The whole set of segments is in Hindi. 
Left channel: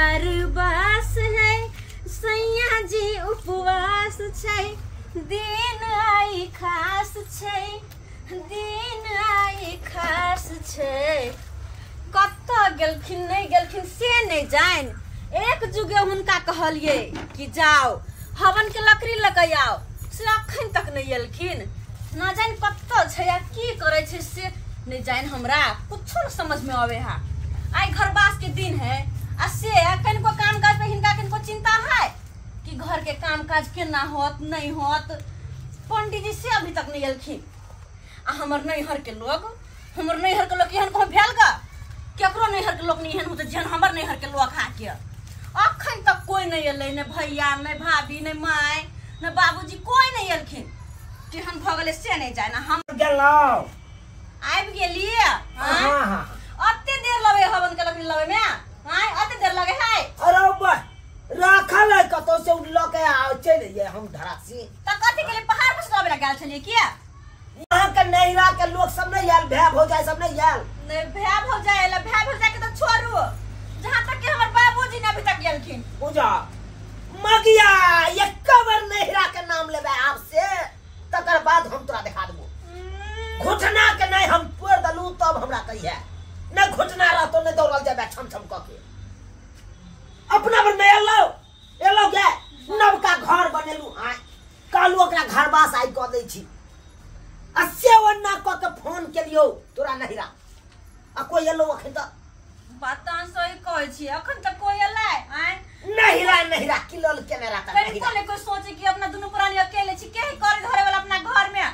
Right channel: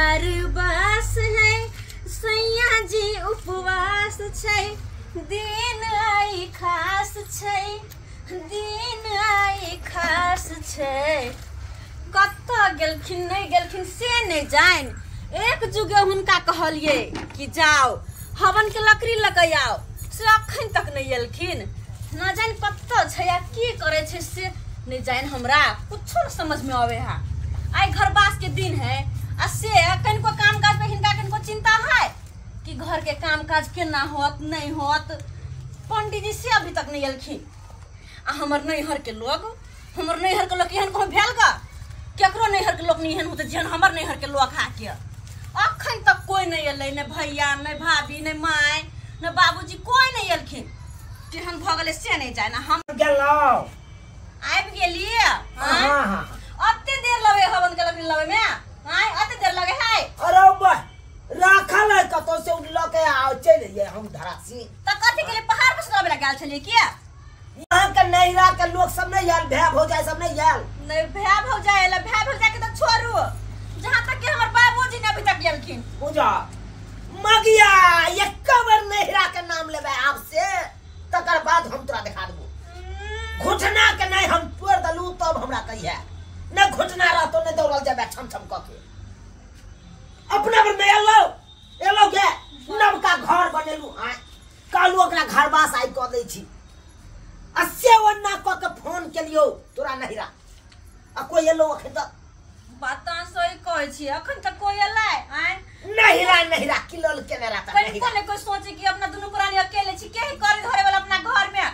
घर बस है सैया जी उपवास छै दिन आई खास छै दिन आई खास छै। कत गेलखिन नहीं गेलखिन से नहीं जान। एक जुगे हुनका कहलिए कि जाओ हवन के लकड़ी लगे आओ से अखन तक नहीं एलखिन। न जान कत छै की करे छै से नहीं जान। हमरा कुछ न समझ में आवे है। आई घर बास के दिन है आ से कनको काम काज पे हिनका कनको चिंता है कि घर के काम काज केना होत नहीं होत। पंडित जी से अभी तक नहीं एलखिन। आ हमर नैहर के लोग एहन कहो भेल का केकरो नैहर के लोग नहीं एहन होते जेहन हमर नैहर के लोग हा के। अखन तक कोई नहीं एलै न भैया न भाभी न माय न बाबूजी कोई नहीं एलखिन। केहन भ गेलै से नहीं जाय। ना हम गेलौ आबि गेलिए। हां अत्ते देर लगे हवन के लकड़ी लगे में। हां अत्ते देर लगे है। अरे बा राखल है कतो से उठलो के आ चल जे हम धरासी त कथि के लिए पहाड़ पर से गेल छलिए किया। वहां के नैहरा के लोग सब नहीं आयल भैया भौजाई सब नहीं आयल। नहीं भैया भौजाई के तो छोड़ू जहां तक के हमर बाबूजी ने अभी तक गेलखिन। पूजा मगिया एक बार नैहरा के नाम लेबे आपसे तकर बाद हम तोरा दिखा देबो। घुटना के नहीं हम तोड़ दलू तब हमरा कहिए न घुटना रहतो न दौड़ल जाबे छम छम क के। अपना पर में एलो गे नवका घर बनेलू हां कालू ओकरा घर बास आई क दै छी। अस्से वन्ना क के फोन केलियो तोरा नहिरा आ कोई एलो अखन तक बात सही कहै छी। अखन तक कोई एलै आय नहिरा किलोल केने रहता कहीं कोने कोई सोचे कि अपना दोनों प्राणी अकेले छी के करे धरे वाला अपना घर में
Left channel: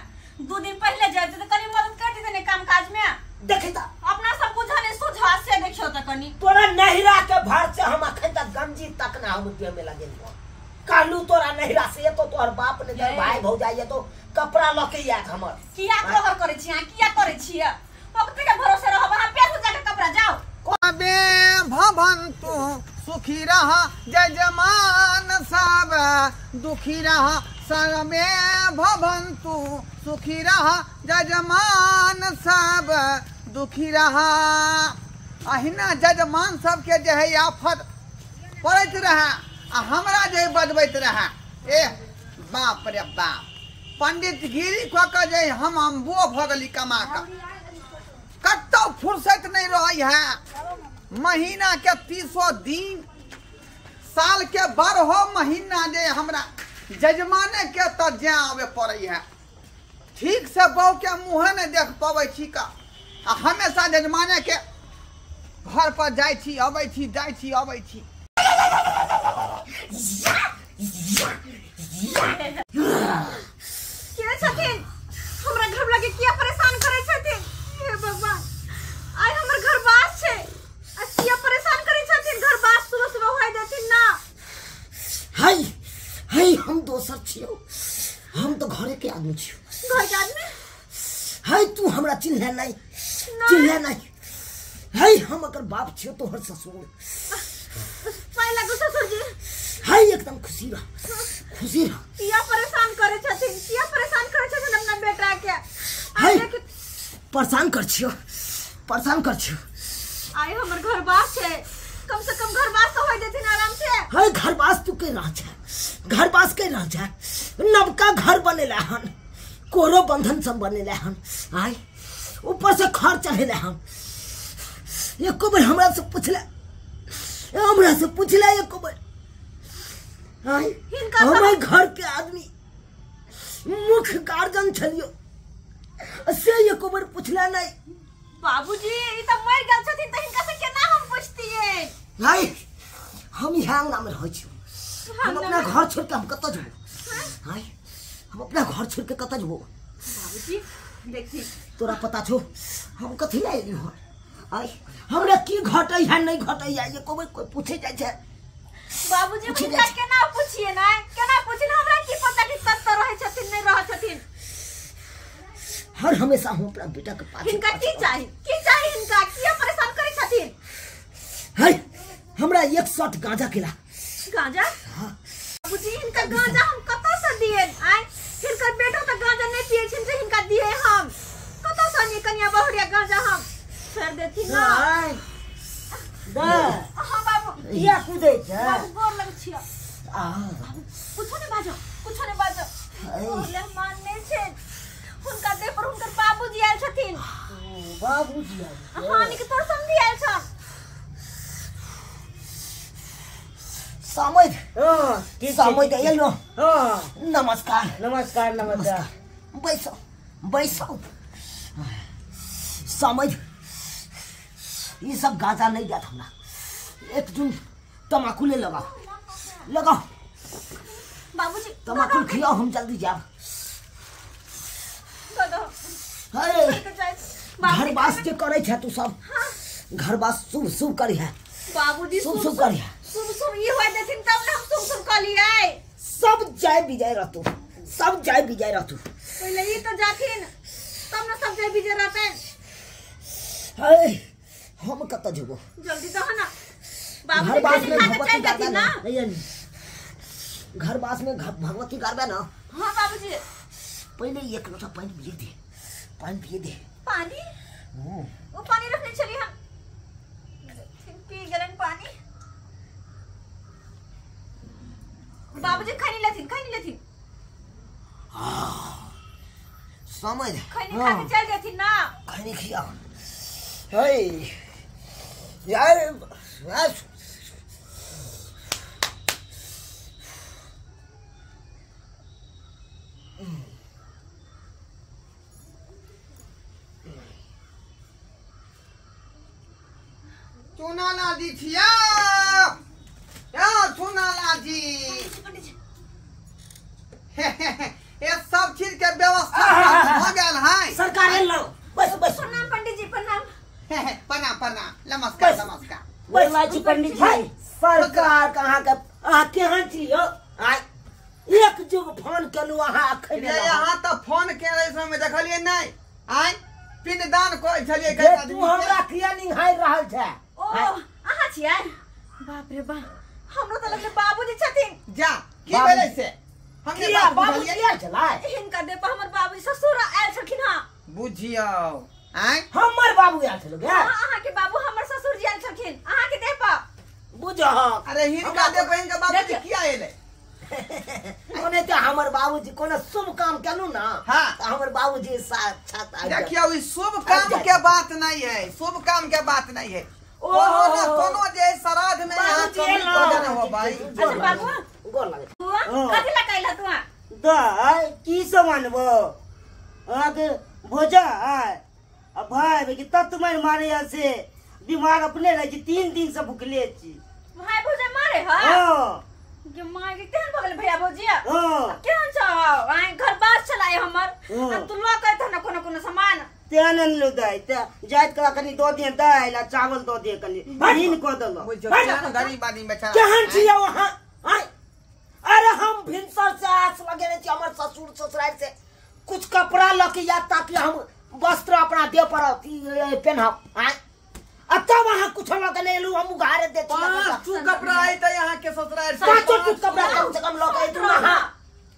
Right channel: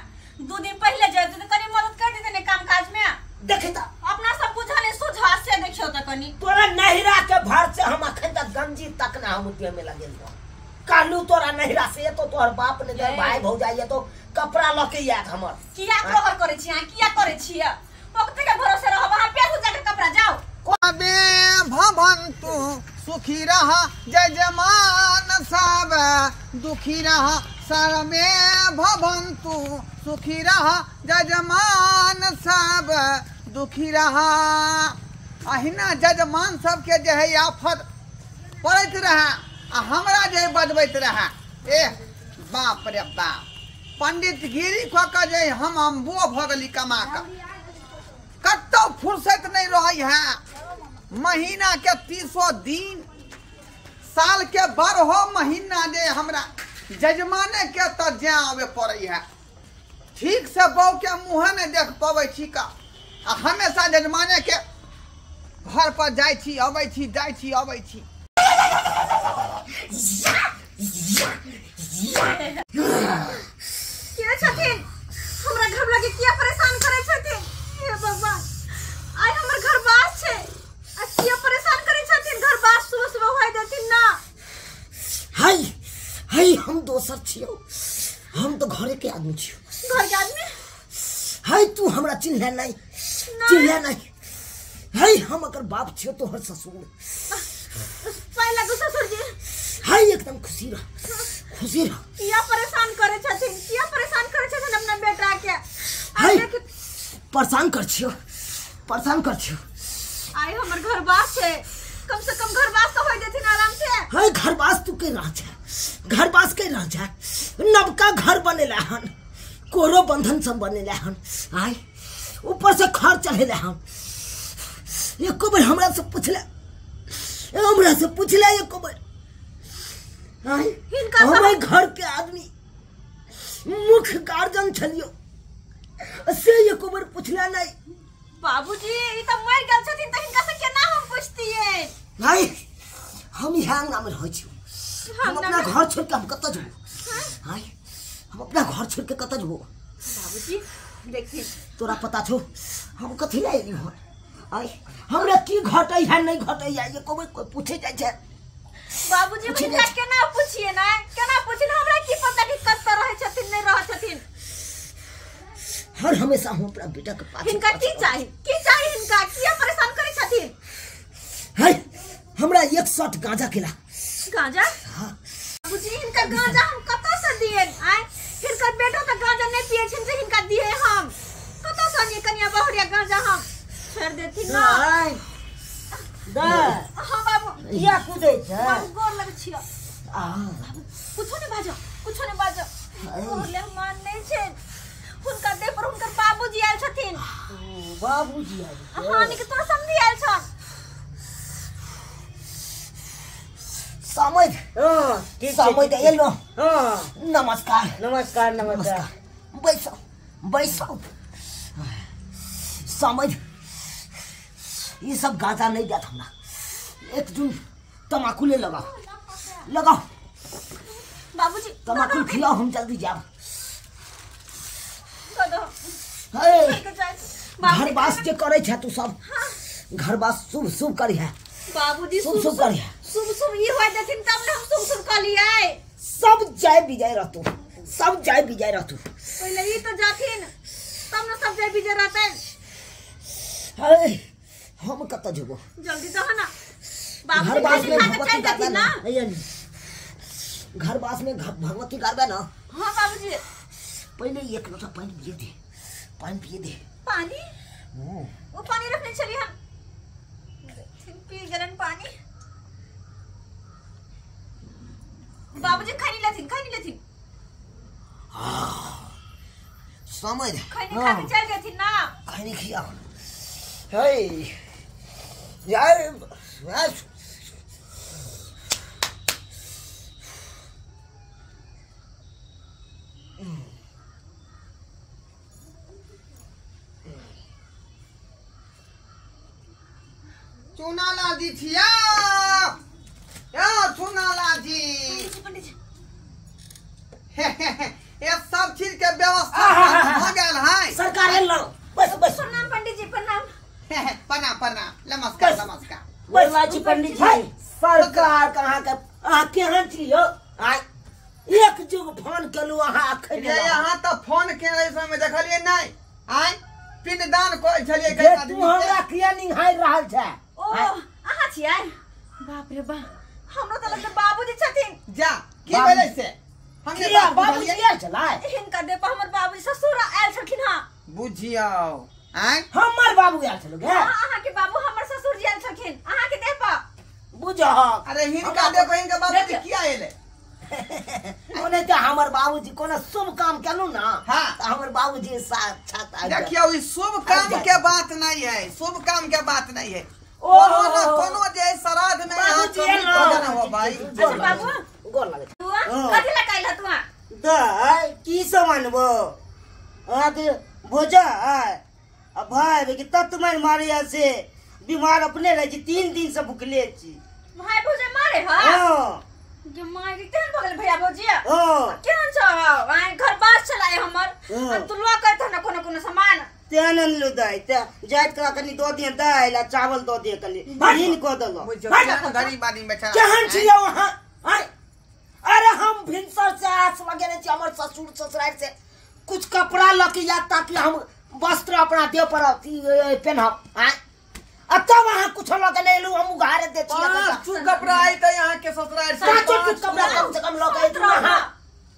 2 दिन पहले जाए तो कनी मदद कर दी ने काम काज में। देखि त अपना सब बुझले सुझा से देखियो त कनी तोरा नहिरा के भर से हम अखन तक गंजी तक ना हम दिए में लगे कालू तोरा नहिरा से तो तोहर बाप ने जब भाई भौजाई तो कपड़ा लके याद हमर किया कहर करे छी। किया करे छी ओकते के भरोसे रह वहां पे जाके कपड़ा जाओ। कबे भवन्तु सुखी रह जजमान सब दुखी रह सर्वे भवन्तु सुखी रह जजमान सब दुखी रह। अहिना जजमान सबके जे है आफत पड़ैत रहे आ हमरा जे बजबैत रहे ए बाप रे बाप पंडित गिरी क के जे हम अम्बो भ गेली कमा के कतो फुर्सत नहीं रही है। महीना के 30 दिन साल के 12 महीना जे हमरा जजमाने के तो जे आवे पड़े है। ठीक से बहू के मुँह नहीं देख पावे छी का आ हमेशा जजमाने के घर पर जाय छी अबै छी जाय छी अबै छी। के छथिन हमरा घर लगे किया परेशान करे छथिन। हे भगवान आई हमर घर बास छै आ किया परेशान करे छथिन। घर बास सुबह सुबह होय देथिन ना। हाय हम दोसर छियो हम तो घरे के आदमी छियो। घर के आदमी हाय तू हमरा चिन्ह नहीं हाय हम अगर बाप छियो तो हर ससुर पहला तो ससुर जी हाय एकदम खुशी रह किया परेशान करे छथिन अपना बेटा के। हाय परेशान कर छियो आई हमर घर बास छै कम से कम घर बास तो होय देथिन आराम से। हाय घर बास तू के रह जा नवका घर बनेला हन कोरो बंधन सब बनेला हन आय ऊपर से खर चढ़ेला हन। एको बार हमरा से पूछला एको बार आय हमर घर के आदमी मुख्य गार्जियन छलियो से एको बार पूछला नहीं। बाबूजी ई त मर गेल छथिन त हिनका से केना हम पूछतियै। भाई हम यहाँ अंगना में रह छी हम अपना घर छोड़ के हम कत जबो। हाय हम अपना घर छोड़ के कत जबो। बाबूजी देखी तोरा पता छो हम कथि ले एली हो। आय हमरा की घटै है नहीं घटै है ये कोई पूछे जाय छै। बाबूजी हिनका केना पूछिए ना केना पूछिन हमरा की पता कि कत रहे छथिन नहीं रह छथिन। हर हमेशा हम अपना बेटा के पास हिनका की चाहिए हिनका किया परेशान करे छथिन। हाय हमरा 1 शॉट गांजा खिला। गांजा बाबूजी हिनका गांजा हम कत से दिए। आय हिनका बेटा त गांजा नहीं पिए छिन से हिनका दिए हम कत से नहीं कनिया बहुरिया गांजा हम फेर देथिन ना। दा हां बाबू या कूदे छै बाबू गोर लगै छियै आ कुछो नै बाजो ओले मान नै छै हुनका देह पर हुनकर बाबूजी आयल छथिन बाबूजी हां निक तोर समझी आयल छ समझ समझ एलो नमस्कार बैसो समझ ये सब गाजा नहीं जाता हमरा एक जून तमाकू ले लगाओ बाबूजी तमाकू खिलाओ हम जल्दी जाब घर बास जे करे छ तू सब घर बास शुभ शुभ करी है बाबूजी शुभ करी है शुभ ये होय देथिन तब ने हम शुभ कलियै सब जय विजय रहतु पहले ई तो जाथिन तब न सब जय विजय रहतै हम कत जेबो जल्दी तो है ना बाबूजी खाने खा के चल जाथिन ना घर बास में भगवती गारबे ना हां बाबूजी पहले एक लोटा पानी पिए दे पानी वो पानी रखने चली हम पी गलन पानी बाबूजी खानी लेथिन समझ खैनी खा के चल जाथिन ना खैनी खिया यार चूना लादी छिया या चूना लादी पंडित जी ये सब चीज के व्यवस्था हो गया है सरकार हेलो बस प्रणाम पंडित जी प्रणाम नमस्कार बस पंडित जी सरकार कहाँ के केहन छी यो एक जुग फोन केलु अहाँ अखन यहाँ तो फोन के समय देखलिए नहीं आय पिंडदान कोइ छलिए जे तू हमरा किया निहाय रहल छै ओ अहाँ छियै बाप रे बा हमरो त लगले बाबूजी छथिन जा की भेलै से हमने बाबूजी आयल छलै हिनका दे पर हमर बाबूजी ससुर आयल छलखिन हां बुझियो आय हमर बाबू आयल छलो गे अहाँ के बाबू हमर ससुर जी आयल छलखिन अहाँ के दे पर बुझो अरे हिनका दे पर हिनका बाबूजी किया एले ओने त हमर बाबूजी कोनो शुभ काम केलु ना हां हमर बाबूजी साक्षात आ देखियो ई शुभ काम के बात नहीं है शुभ काम के बात नहीं है कोनो जे श्राद्ध में यहाँ भोजन हो भाई अच्छा बाबू गोर लगे कथि ला कैला तू दाय की समनबो आगे भोजा भाई कि तत्मय मारे से बीमार अपने रह छी 3 दिन से भूखले छी भाई भोजा मारे ह हां के माय के केहन भगल भैया भौजिया हां केहन छ आइ घर बास चलाए हमर तू लो कहत न कोनो सामान तेनन लो दाय त जात का कनी दो दिन दाय ला चावल दो दे कनी दिन को दलो गरीब आदमी बेचारा केहन छियै वहां अरे हम भिनसर से आस लगेने छी हमर ससुर ससुराल से कुछ कपड़ा लके या ताकि हम वस्त्र अपना देह पर पहनब तब वहां कुछ लगे लेलू हम उघारे दे तू कपड़ा आई त यहाँ के ससुराल से कुछ कपड़ा कम से कम लगे इतना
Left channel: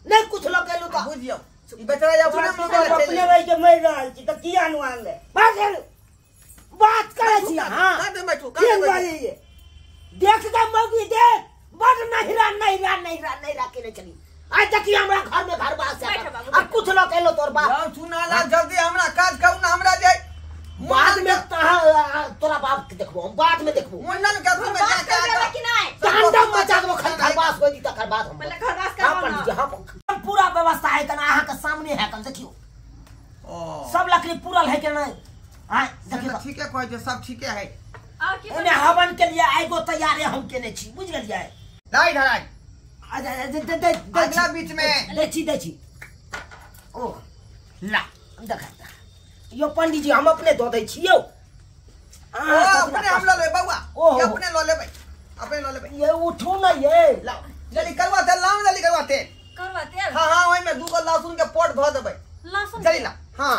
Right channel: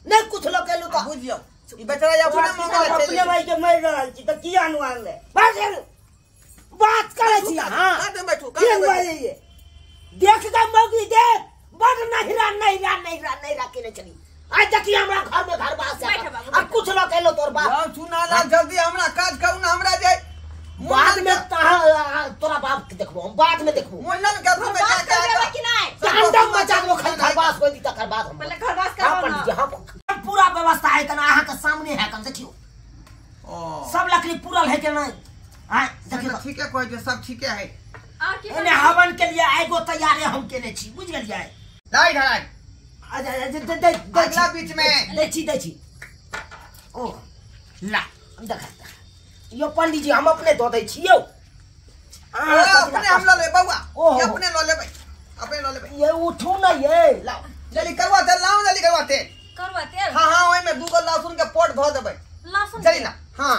नहीं कुछ लगे लू का बुझियो ई बेचारा अपने मंगल अपने भाई के मर रहल छी त की अनुमान ले बात करे छी हां काटे बैठू केन बाजे ये देख के मौगी देख बड़ नहिरा केने चली आज तक हमरा घर में घर बास अब कुछ लोग कहलो तोर बाप यार सुना ना जल्दी हमरा काज करू ना हमरा जाय बाद में तोरा बाप के देखबो हम बाद में देखबो मुंडन का तुम बात कर देबे कि नहीं तांडव मचा दो घर बास होई तकर बाद हम पहले घर बास करबो ना हम पूरा व्यवस्था है तना अहाँ के सामने है कम देखियो सब लकड़ी पूरल है के नहीं हां देखियो ठीक है कोई सब ठीक है और की ओने हवन के लिए आइगो तैयार है हम केने छी बुझ गेलियै दाई धराई अगला अगला बीच में दै छी ओ ला देखा यो पंडित जी हम अपने दो दै छियो अपने हम लो ले बउआ ये अपने लो ले भाई अपने लो ले भाई ये उठो ना ये लाओ जल्दी करवा तेल लाओ जल्दी करवा तेल करवा तेल हां ओइ में 2 लहसुन के पोट धो देबै लहसुन जल्दी ला हां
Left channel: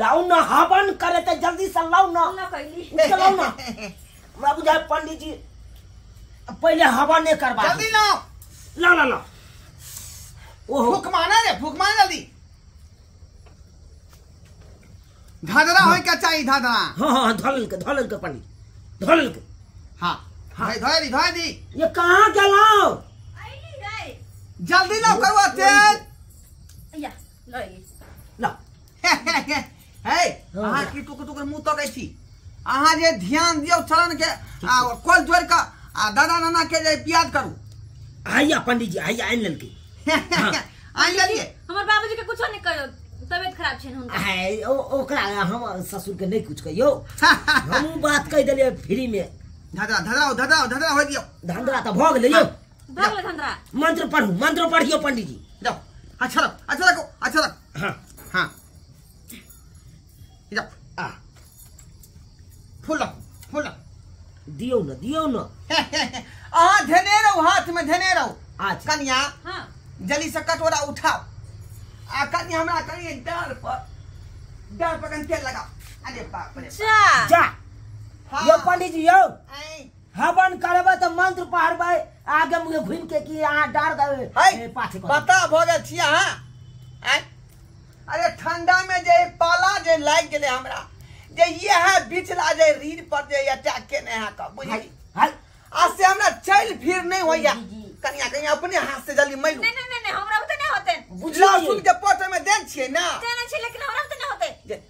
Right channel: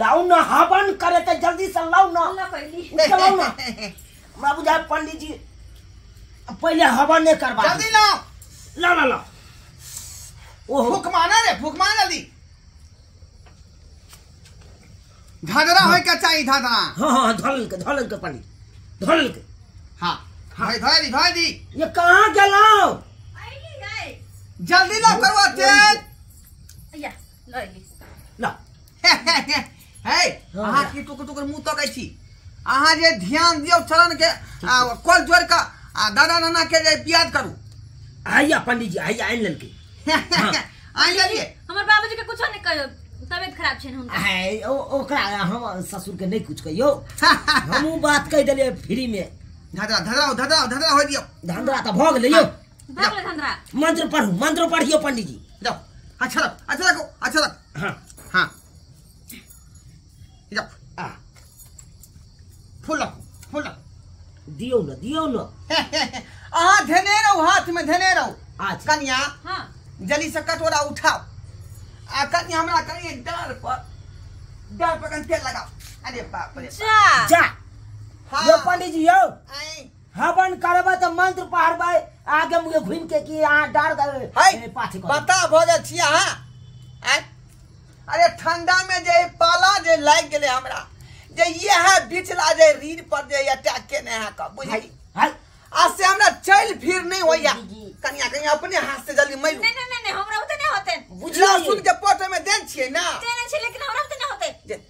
लाओ ना हवन करे त जल्दी से लाओ ना ला कैली लाओ ना मैं बुझा पंडित जी पहले हवन नहीं करवा जल्दी लाओ ला ओहो फूक माना जल्दी धादरा होय के चाहिए धादरा हां ढोल के पंडित ढोल के हां धोई दी ये कहाँ गेलौ? जल्दी ना करवा तेज या लई ला हे अहाँ की टुकर मुंह तकै छी अहाँ जे ध्यान दियौ चरण के कोल जोड़ के दादा नाना के जे याद करू आइया पंडित जी आइया आइन लेलके आइ लेलिए हमर बाबूजी के कुछो नहीं कहियो तबियत खराब छै हुनका आइ ओकरा हम ससुर के नहीं कुछ कहियो हमहू बात कह देलिए फ्री में धदरा हो दियो धंधा तो भ गेलै यो भगले धंधरा मंत्र पढ़ियो पंडित जी जाओ अच्छा लग हां हां जाओ आ फूल दियो न अहाँ धने रहो हाथ में धने रहो अच्छा कन्या हां जल्दी से कटोरा उठाओ आ कन्या हमरा करिए डाल पर कन तेल लगाओ अरे बाप रे जा हाँ। यो पंडित जी यो आई हवन करबा त मंत्र पढ़बै आगे मुझे घूम के कि अहाँ डार दे पाछे बता भ गेल छी अहाँ आई अरे ठंडा में जे पाला जे लाग गेले हमरा जे ये है बिचला जे रीढ़ पर जे अटैक केने है का बुझी हाय आज से हमरा चल फिर नहीं होइया कन्या अपने हाथ से जल्दी मैलू नहीं हमरा होते नहीं होते बुझला सुन के पोटे में देन छिए ना देने छै लेकिन हमरा होते नहीं होते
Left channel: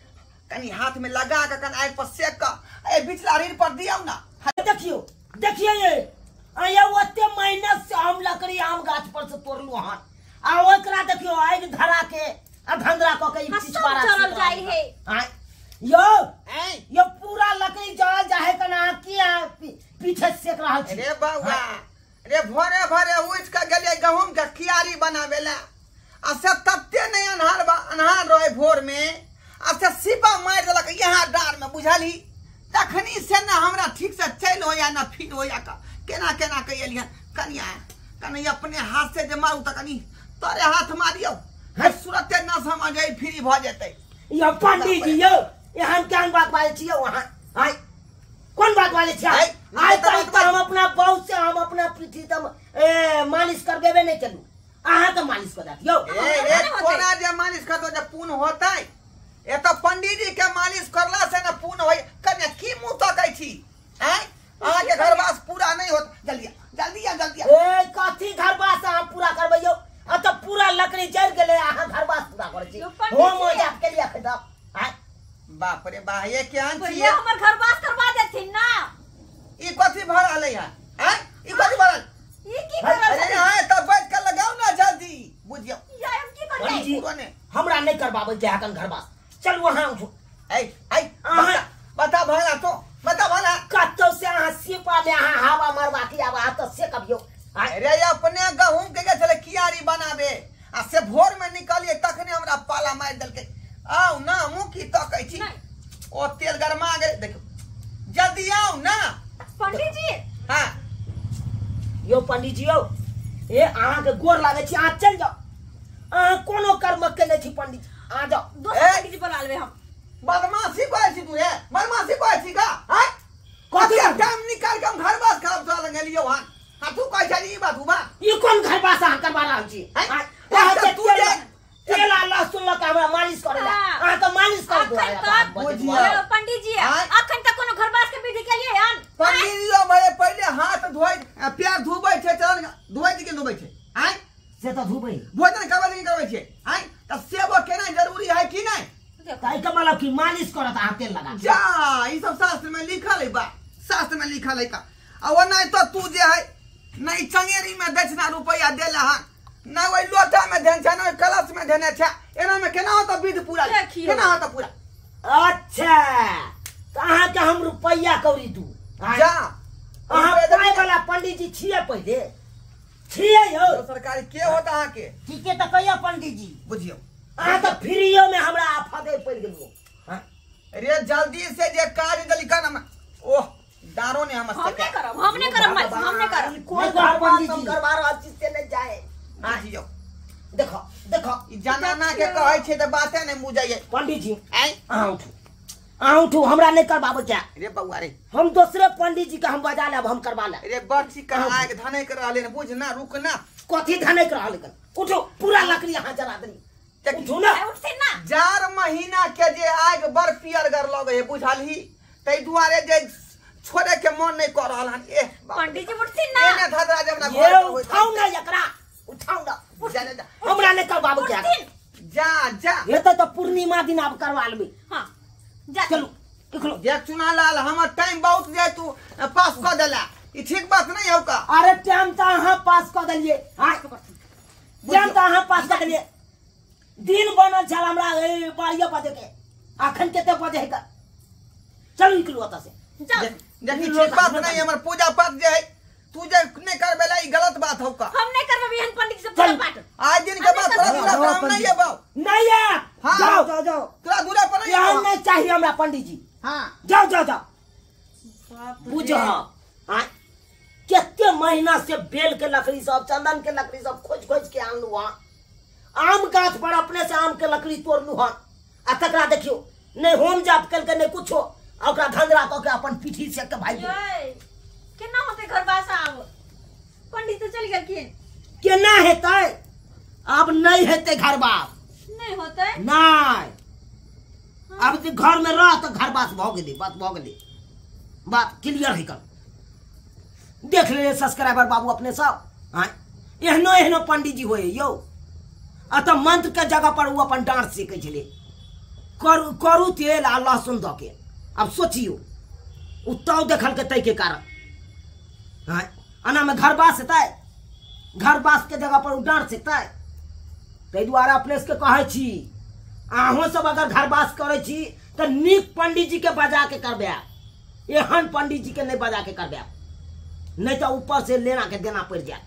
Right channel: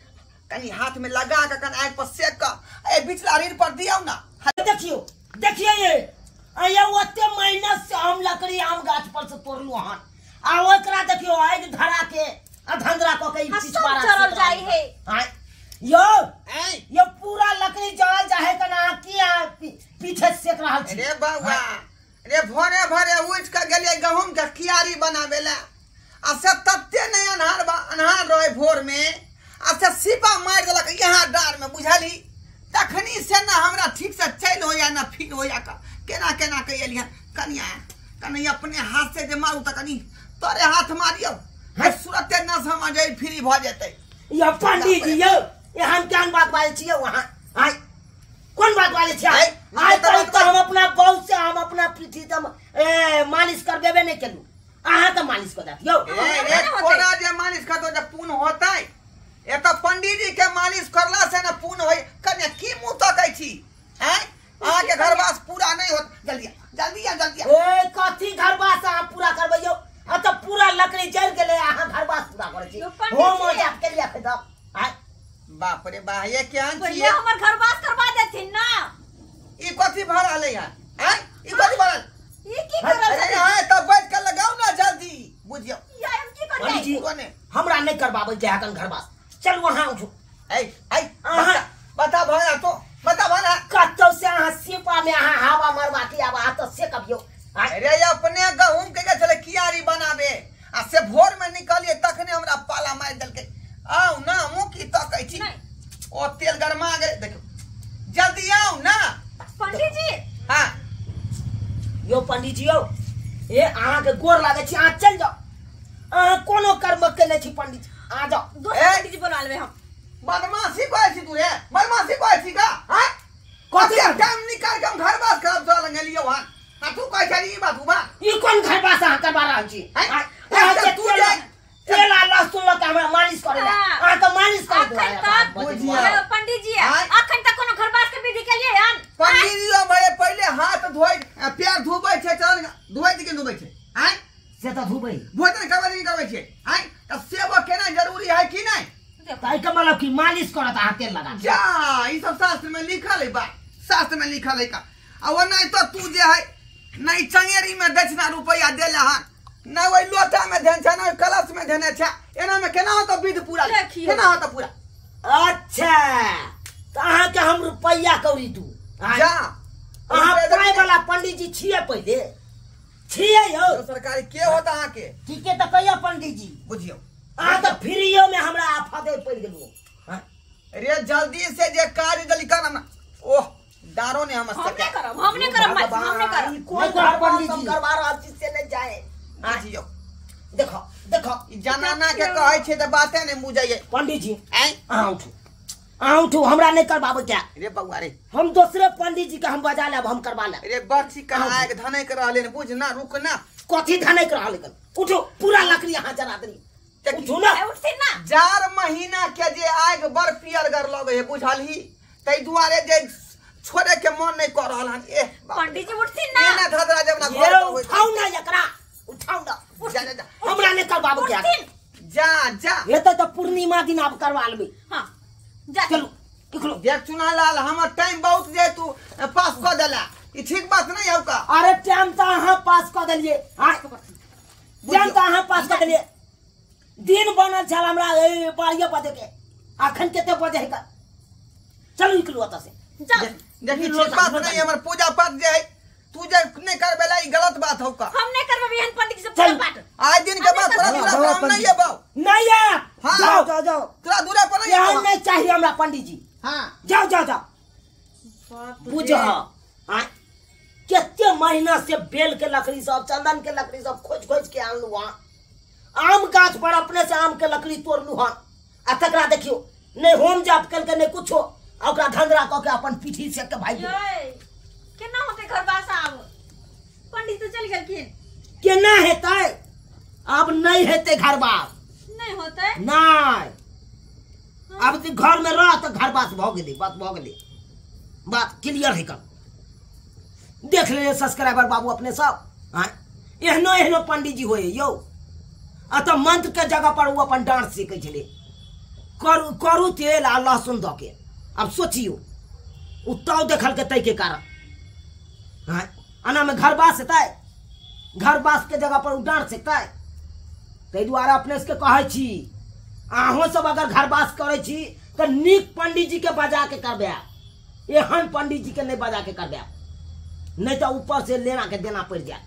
कनी हाथ में लगा के कन आग पर सेक के ए बिचला रीढ़ पर दियो ना देखियो ये ओते मेहनत से हम लकड़ी आम गाछ पर से तोड़लू हन आ ओकरा देखियो आग धरा के धंधरा क के पीछ मारा चढ़ल जाई है यो पूरा लकड़ी जल जाए कना की पीछे सेक रहल छी अरे बाबा अरे भोरे उठ के गेलिए गहूम के कियारी बनावेला आ से तत्ते नहीं अन्हार रहे भोर में आ से सिपा मार देलक यहाँ डार में बुझली तखनी से ना हमरा ठीक से चल होया ना फिर होया का केना के एलियन कन्या अपने हाथ से जे मारू त कनी तोरे हाथ मारियो है सुरते ना समझ आई फ्री भ जेतै यो पंडित जी यो एहन केहन बात बाजै छियै वहां आइ कोन बात बाजै छियै आइ तक हम अपना बहू से हम अपना पीठी तम मालिश करबेबे नहीं केलू अहाँ के मालिश कर दियो ए कोना जे मालिश करतो जे पूर्ण होतै ए तो पंडित जी के मालिश करला से ना पूर्ण होय कन्या की मुंह तकै छी हैं अहाँ के घरवास पूरा नहीं होत जल्दी ए कथी घरवास अहाँ पूरा करबैयो आ त पूरा लकड़ी जल गेलै अहाँ घरवास पूरा करै छी हो मजाक के लिए खदब आइ बाप रे बा ये केहन छी पहिले हमर घरवास करवा देथिन ना ई कथी भर रहलै है हैं ई कथी भरल ई की करल अरे हां त बैठ के लगाओ ना जल्दी बुझियो या हम की कर पंडित जी कोने हमरा नहीं करबाबै जे हकन घरवास चल वहां उठो आई बता भला कतो से अहाँ सिपा में अहाँ हवा मारवा के आब आ त से कभियो अरे अपने गहूम के चले कियारी बनाबे आ से भोर में निकलिए तखने हमरा पाला मार देलके आओ ना मुंह की तकै छी ओ तेल गरमा गेल देखो जल्दी आओ ना पंडित जी हां यो पंडित जी यो ए अहाँ के गोर लागे छी अहाँ चल जाओ अहाँ कोनो कर्म केले छी पंडित जी आ जाओ दोसर पंडित जी बोला लेबे हम बदमाशी करे छी तू रे बदमाशी करे छी का हां कथी टाइम निकाल के हम घर बास खराब चल गेलियो हन आ तू कह छी ई बात हुआ ई कोन घरवास अहाँ करबा रहल छी अच्छा तू जे तेल लहसुन लगा हमरा मालिश करेला अहाँ तो मालिश कर दो बुझिया पंडित जी अखन तक कोनो घरवास के विधि केलिए हन पंडित जी भाई पहले हाथ धोई पैर धोबै छै चल धोबै कि धोबै छै हैं से तो धुबै भोजन करबै छै हैं त सेवा केना जरूरी है कि नहीं ताई का मतलब कि मालिश करत अहाँ तेल लगा जा ई सब शास्त्र में लिखल है बात शास्त्र में लिखल है का आ वो नहीं तो तू जे है नहीं चंगेरी में दक्षिणा रुपया देला हन ना वही लोटा में देन छै ना कलश में देने छै एना में केना होता विधि पूरा केना होता पूरा अच्छा तो अहाँ के हम रुपया कौरी दू जा अहाँ पाई वाला पंडित जी छिए पहले छिए यो सरकारी के होता अहाँ के ठीक है तो कहिया पंडित जी बुझियो अहाँ तो फ्रीयो में हमरा आफादे पड़ गेलू अरे जल्दी से जे काज जल्दी कर ना ओह डारो ने हम से हम नहीं करब कोई पंडित जी करवा रहल छी से नहीं जाए बुझियो देखो ई जनाना के कहै छै त बाते नहीं बुझाइए पंडित जी हैं अहाँ उठू हमरा नहीं करबाबो क्या रे बउआ रे हम दूसरे पंडित जी के हम बजा लेब हम करवा लेब रे बच्ची कहाँ के धनै कर रहले ने बुझ ना रुक ना कथी धनै कर रहल लेकिन उठो पूरा लकड़ी यहाँ जरा देनी उठू ना उठथिन ना 4 महीना के जे आग बर पियर गर लगे है बुझलही तै दुआरे जे छोड़े के मन नहीं कर रहा हन। ए पंडित जी उठती ना। एने धधरा जब ना ये घर पर उठाओ ना एकरा, उठाओ ना। जा जा जा हमरा ने का बाबू क्या जा जा ये तो पूर्णिमा दिन आप करवा लेबे। हाँ जा चलो निकलो। ये चुना लाल हमर टाइम बहुत जाए तू पास कर देला ई ठीक बात नहीं हो का। अरे टाइम तो अहाँ पास कर दिलिए। टाइम तो अहाँ पास कर दिलिए। दिन बनल छल हमरा 12 बजे के, अखन कते बजे है का। चलो निकलो ओतऽ से। जा देखी ठीक बात नहीं हमर पूजा पाठ जे है तू जे नहीं करबेला ई गलत बात हो का। हम नहीं करबे बिहान पंडित जी से पूजा पाठ। आज दिन के बाद थोड़ा दूरा काम नहीं है बाऊ। नहीं है। हाँ। जाओ जाओ जाओ। थोड़ा दूरा पर नहीं यहाँ है। नहीं चाहिए हमरा पंडित जी। हां जाओ जाओ जाओ। बाप रे। बुझ केते महीना से बेल के लकड़ी सब, चंदन के लकड़ी सब खोज खोज के आनलू हन। आम गाछ पर अपने से आम के लकड़ी तोड़लू हन। आ तकरा देखियो नहीं होम जाप कल के नहीं कुछो, ओकरा धंधरा क के अपन पीठी से के भाई ये केना होते घर बासा आब। पंडित तो चल गेलखिन। केना हेतै। अब नहीं हेतै घर बात। नहीं होते। नहीं अब तू घर में रह तो घर बात भ गेलै, बात भ गेलै, बात क्लियर है कर। देख ले सब्सक्राइबर बाबू अपने सब। एहनो एहनो पंडित जी होए यौ। अतः मंत्र के जगह पर वो अपन डांट सीखे छले। करू तेल आ लहसुन द के। अब सोचियो उ तौ देखल के तै के कारण अना में घर बास हेतै। घर बास के जगह पर उ डांट सीखतै। तै दुआरे अपने से कहै छी अहों सब अगर घर बास करे छी तो नीक पंडित जी के बजा के करबे। एहन पंडित जी के नहीं बजा के करबे, नहीं तो ऊपर से लेना के देना पड़ जाए।